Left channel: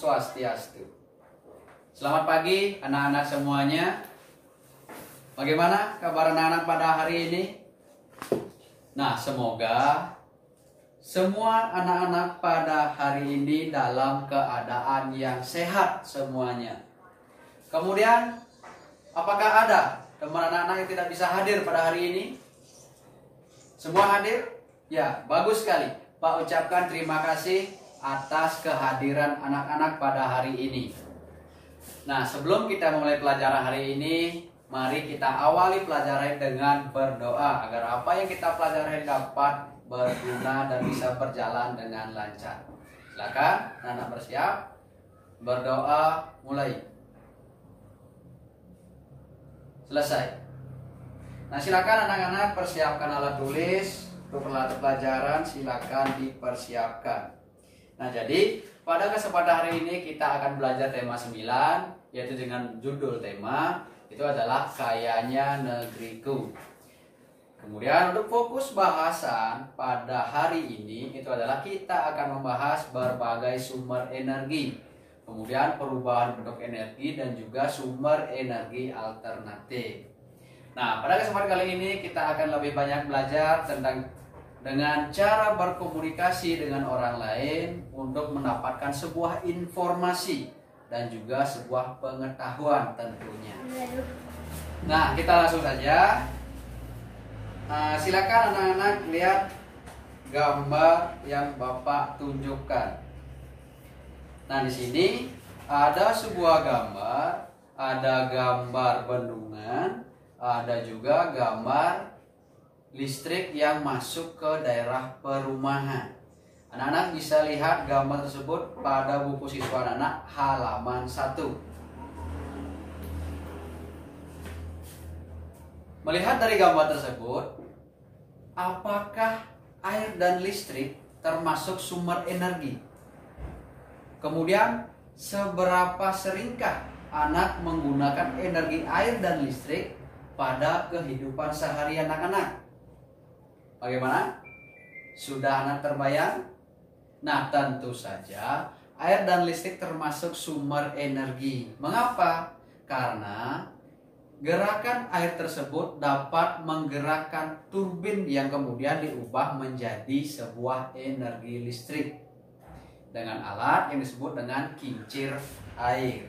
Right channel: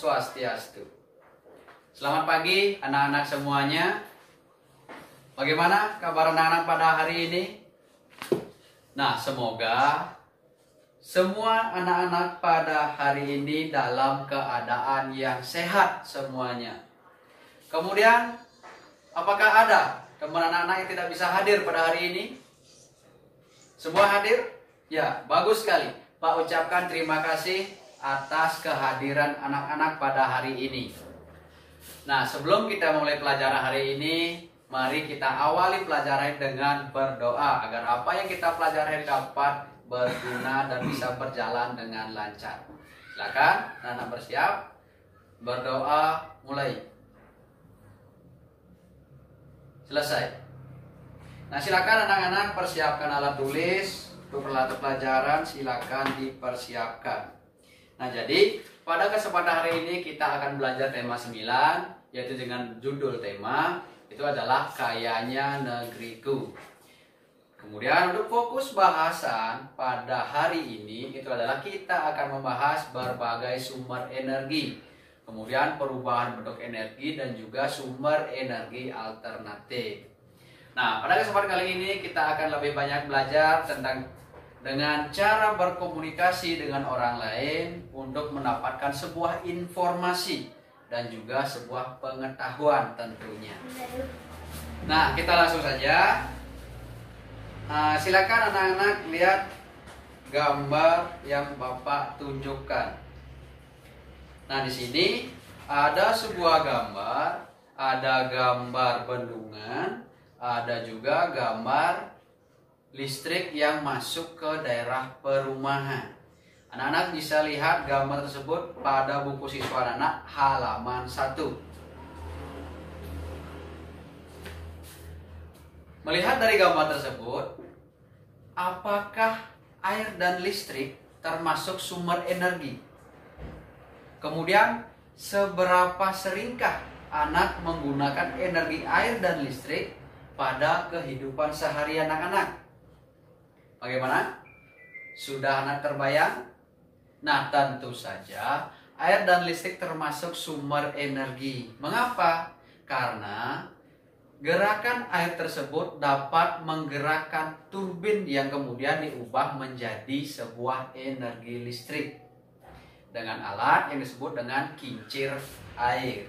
Swastiastu. Selamat pagi anak-anak semuanya. Bagaimana kabar anak-anak pada hari ini? Nah, semoga semua anak-anak pada hari ini dalam keadaan yang sehat semuanya. Kemudian, apakah ada teman anak-anak yang tidak bisa hadir pada hari ini? Semua hadir? Ya, bagus sekali. Pak ucapkan terima kasih atas kehadiran anak-anak pada hari ini. Nah, sebelum kita mulai pelajaran hari ini, mari kita awali pelajaran dengan berdoa agar apa yang kita pelajari dapat berguna dan bisa berjalan dengan lancar. Silakan, anak-anak bersiap. Berdoa mulai. Selesai. Nah, silakan anak-anak persiapkan alat tulis untuk peralatan pelajaran, silakan dipersiapkan. Nah, jadi pada kesempatan hari ini kita akan belajar tema 9, yaitu dengan judul tema itu adalah Kayanya Negeriku. Kemudian untuk fokus bahasan pada hari ini itu adalah kita akan membahas berbagai sumber energi, kemudian perubahan bentuk energi dan juga sumber energi alternatif. Nah, pada kesempatan kali ini kita akan lebih banyak belajar tentang dengan cara berkomunikasi dengan orang lain untuk mendapatkan sebuah informasi dan juga sebuah pengetahuan tentunya. Nah, kita langsung saja. Silakan anak-anak lihat gambar yang Bapak tunjukkan. Nah, di sini ada sebuah gambar, ada gambar bendungan, ada juga gambar listrik yang masuk ke daerah perumahan. Anak-anak bisa lihat gambar tersebut pada buku siswa anak halaman 1. Melihat dari gambar tersebut, apakah air dan listrik termasuk sumber energi? Kemudian, seberapa seringkah anak menggunakan energi air dan listrik pada kehidupan sehari anak-anak? Bagaimana? Sudah anak terbayang? Nah, tentu saja air dan listrik termasuk sumber energi. Mengapa? Karena gerakan air tersebut dapat menggerakkan turbin yang kemudian diubah menjadi sebuah energi listrik dengan alat yang disebut dengan kincir air.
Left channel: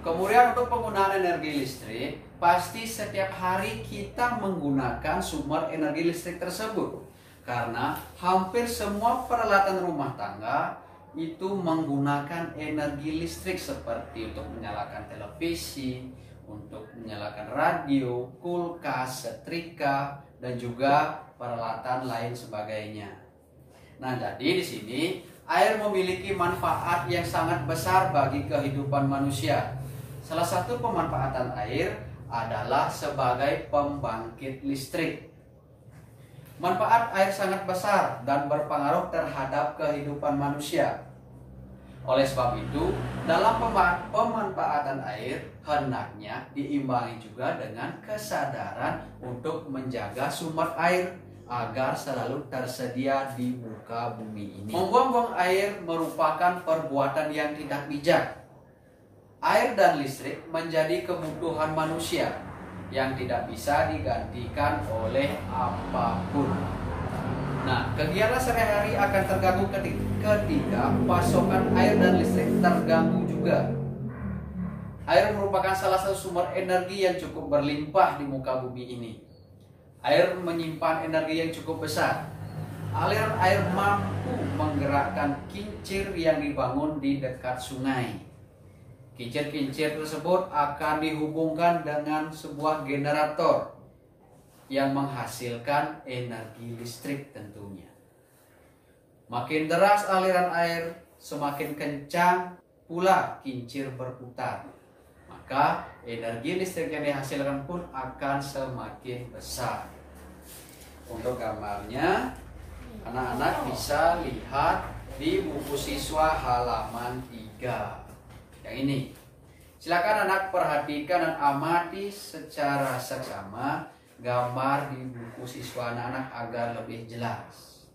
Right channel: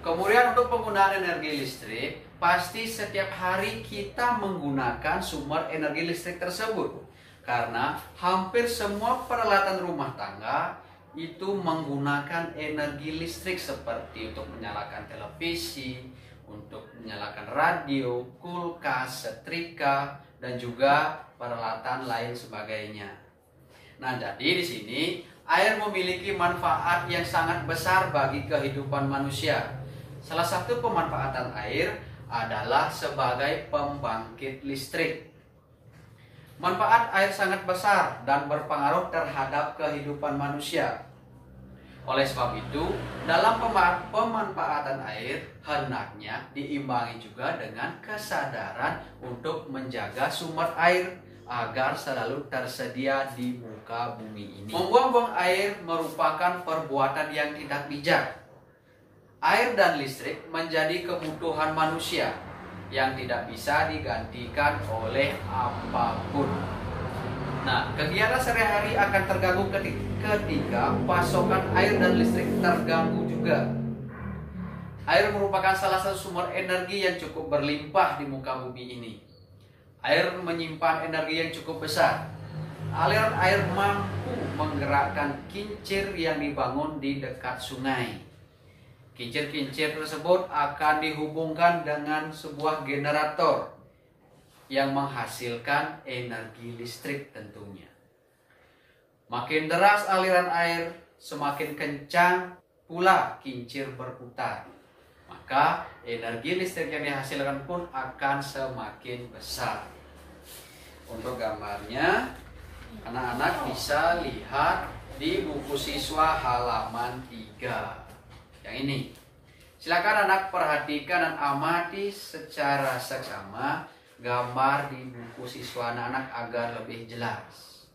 Kemudian untuk penggunaan energi listrik, pasti setiap hari kita menggunakan sumber energi listrik tersebut. Karena hampir semua peralatan rumah tangga itu menggunakan energi listrik seperti untuk menyalakan televisi, untuk menyalakan radio, kulkas, setrika, dan juga peralatan lain sebagainya. Nah, jadi di sini air memiliki manfaat yang sangat besar bagi kehidupan manusia. Salah satu pemanfaatan air adalah sebagai pembangkit listrik. Manfaat air sangat besar dan berpengaruh terhadap kehidupan manusia. Oleh sebab itu, dalam pemanfaatan air hendaknya diimbangi juga dengan kesadaran untuk menjaga sumber air agar selalu tersedia di muka bumi ini. Membuang-buang air merupakan perbuatan yang tidak bijak. Air dan listrik menjadi kebutuhan manusia yang tidak bisa digantikan oleh apapun. Nah, kegiatan sehari-hari akan terganggu ketika pasokan air dan listrik terganggu juga. Air merupakan salah satu sumber energi yang cukup berlimpah di muka bumi ini. Air menyimpan energi yang cukup besar. Aliran air mampu menggerakkan kincir yang dibangun di dekat sungai. Kincir-kincir tersebut akan dihubungkan dengan sebuah generator yang menghasilkan energi listrik tentunya. Makin deras aliran air, semakin kencang pula kincir berputar. Maka energi listrik yang dihasilkan pun akan semakin besar. Untuk gambarnya, anak-anak bisa lihat di buku siswa halaman 3. Yang ini. Silakan anak perhatikan dan amati secara seksama gambar di buku siswa anak-anak agar lebih jelas.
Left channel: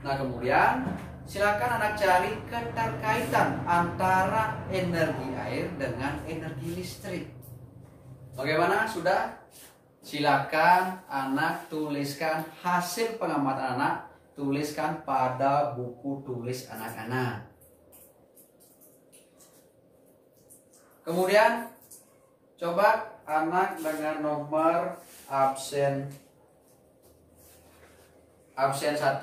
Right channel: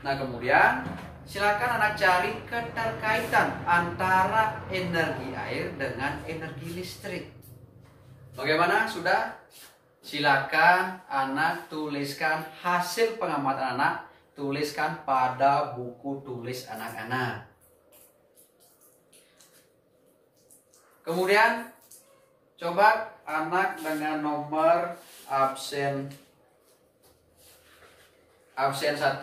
Nah, kemudian silakan anak cari keterkaitan antara energi air dengan energi listrik. Bagaimana? Sudah? Silakan anak tuliskan hasil pengamatan anak, tuliskan pada buku tulis anak-anak. Kemudian coba anak dengan nomor absen 1,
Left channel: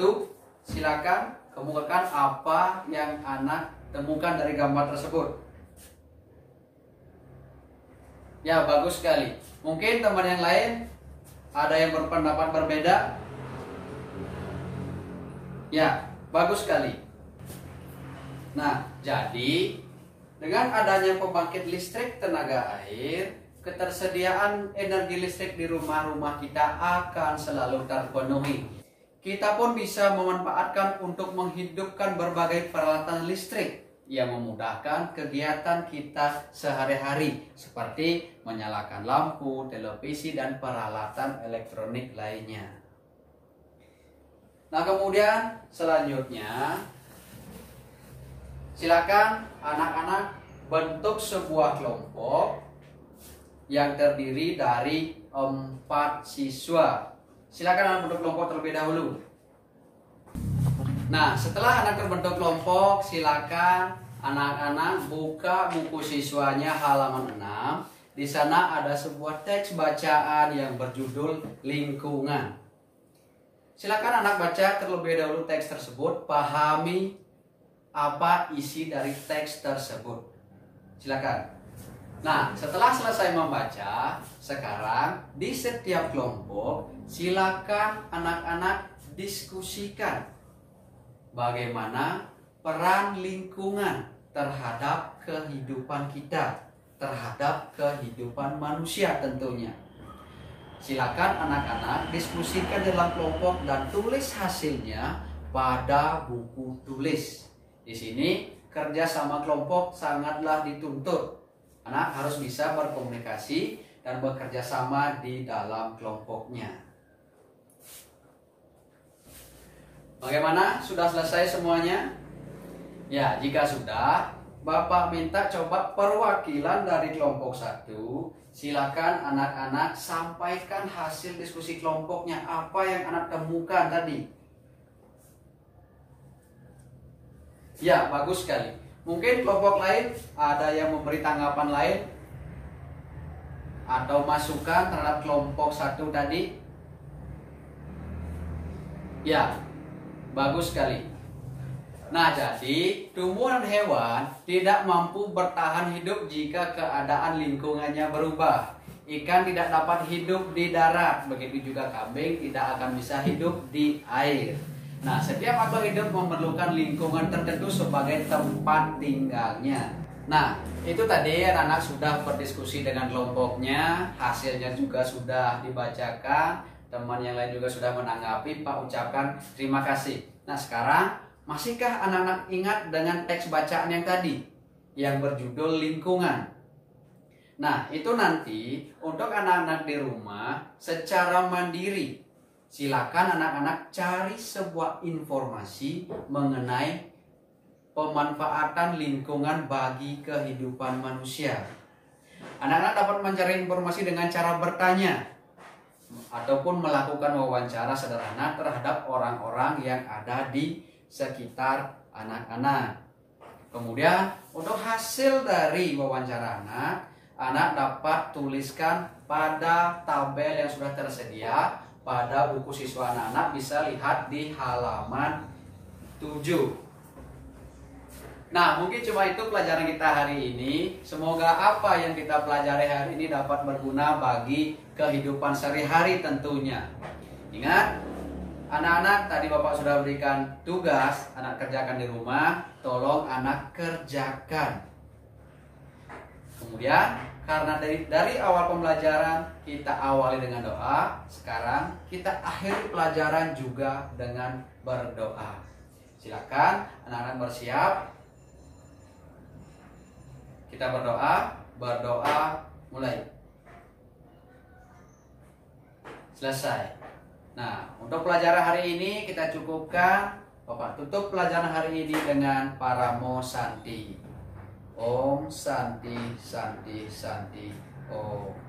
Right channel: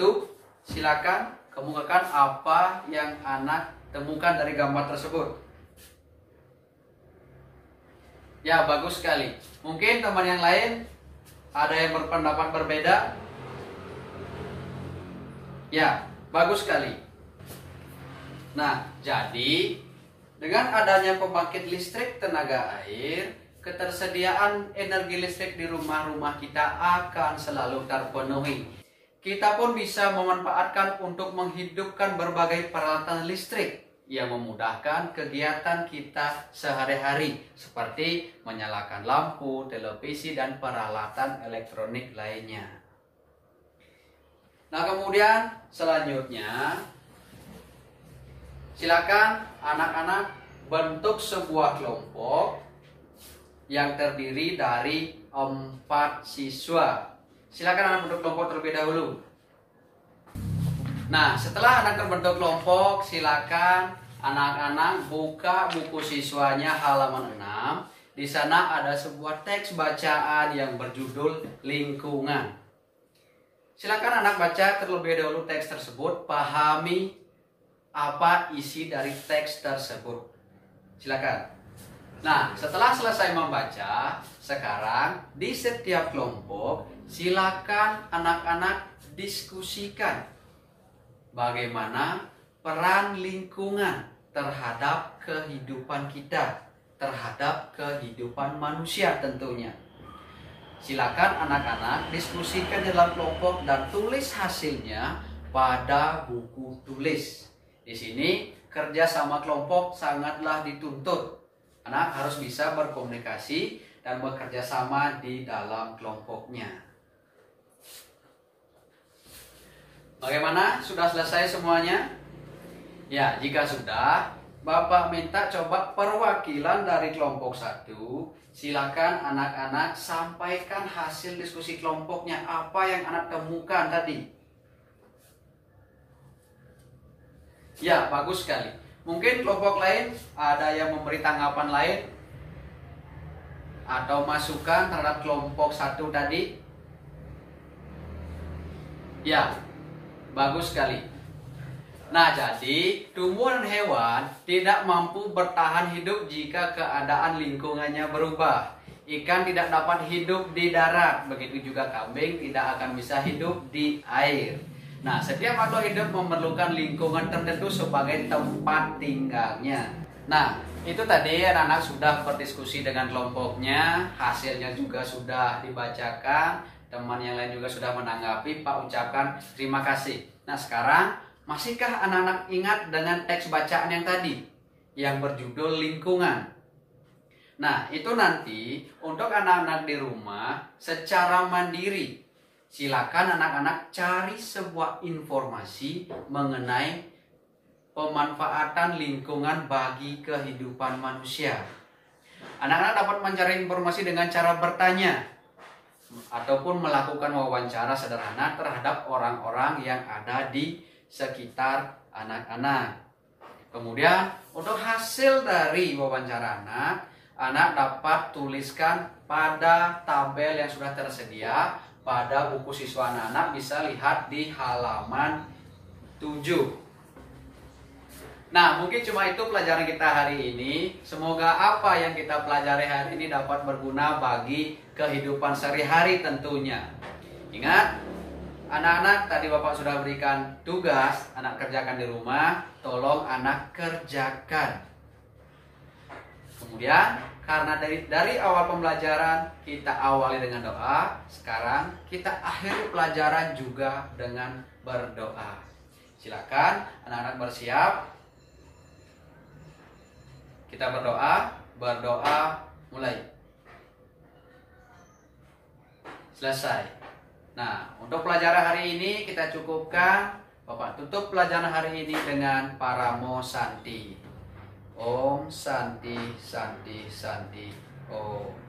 silakan kemukakan apa yang anak temukan dari gambar tersebut. Ya, bagus sekali. Mungkin teman yang lain ada yang berpendapat berbeda. Ya, bagus sekali. Nah, jadi dengan adanya pembangkit listrik tenaga air, ketersediaan energi listrik di rumah-rumah kita akan selalu terpenuhi. Kita pun bisa memanfaatkan untuk menghidupkan berbagai peralatan listrik yang memudahkan kegiatan kita sehari-hari, seperti menyalakan lampu, televisi, dan peralatan elektronik lainnya. Nah, kemudian selanjutnya silakan anak-anak bentuk sebuah kelompok yang terdiri dari 4 siswa. Silakan anak bentuk kelompok terlebih dahulu. Nah, setelah anak terbentuk kelompok, silakan anak-anak buka buku siswanya halaman 6. Di sana ada sebuah teks bacaan yang berjudul lingkungan. Silakan anak baca terlebih dahulu teks tersebut, pahami apa isi dari teks tersebut. Silakan. Nah, setelah selesai membaca, sekarang di setiap kelompok silakan anak-anak diskusikan bagaimana peran lingkungan terhadap kehidupan kita, terhadap kehidupan manusia tentunya. Silakan anak-anak diskusikan dalam kelompok dan tulis hasilnya pada buku tulis. Di sini kerja sama kelompok sangatlah dituntut. Anak harus bisa berkomunikasi dan bekerja sama di dalam kelompoknya. Bagaimana? Sudah selesai semuanya? Ya, jika sudah, Bapak minta coba perwakilan dari kelompok 1. Silakan anak-anak sampaikan hasil diskusi kelompoknya. Apa yang anak temukan tadi? Ya, bagus sekali. Mungkin kelompok lain ada yang memberi tanggapan lain atau masukan terhadap kelompok 1 tadi. Ya, bagus sekali. Nah, jadi tumbuhan dan hewan tidak mampu bertahan hidup jika keadaan lingkungannya berubah. Ikan tidak dapat hidup di darat, begitu juga kambing tidak akan bisa hidup di air. Nah, setiap makhluk hidup memerlukan lingkungan tertentu sebagai tempat tinggalnya. Nah, itu tadi anak-anak sudah berdiskusi dengan kelompoknya, hasilnya juga sudah dibacakan, teman yang lain juga sudah menanggapi. Pak ucapkan terima kasih. Nah, sekarang masihkah anak-anak ingat dengan teks bacaan yang tadi yang berjudul lingkungan? Nah, itu nanti untuk anak-anak di rumah secara mandiri. Silakan anak-anak cari sebuah informasi mengenai pemanfaatan lingkungan bagi kehidupan manusia. Anak-anak dapat mencari informasi dengan cara bertanya ataupun melakukan wawancara sederhana terhadap orang-orang yang ada di sekitar anak-anak. Kemudian untuk hasil dari wawancara anak dapat tuliskan pada tabel yang sudah tersedia pada buku siswa anak-anak, bisa lihat di halaman 7. Nah, mungkin cuma itu pelajaran kita hari ini. Semoga apa yang kita pelajari hari ini dapat berguna bagi kehidupan sehari-hari tentunya. Ingat, anak-anak tadi Bapak sudah berikan tugas, anak kerjakan di rumah, tolong anak kerjakan. Kemudian, karena dari awal pembelajaran kita awali dengan doa, sekarang kita akhiri pelajaran juga dengan berdoa. Silakan anak-anak bersiap. Kita berdoa mulai. Selesai. Nah, untuk pelajaran hari ini kita cukupkan. Bapak tutup pelajaran hari ini dengan Paramo Santi. Om Santi Santi Santi Om.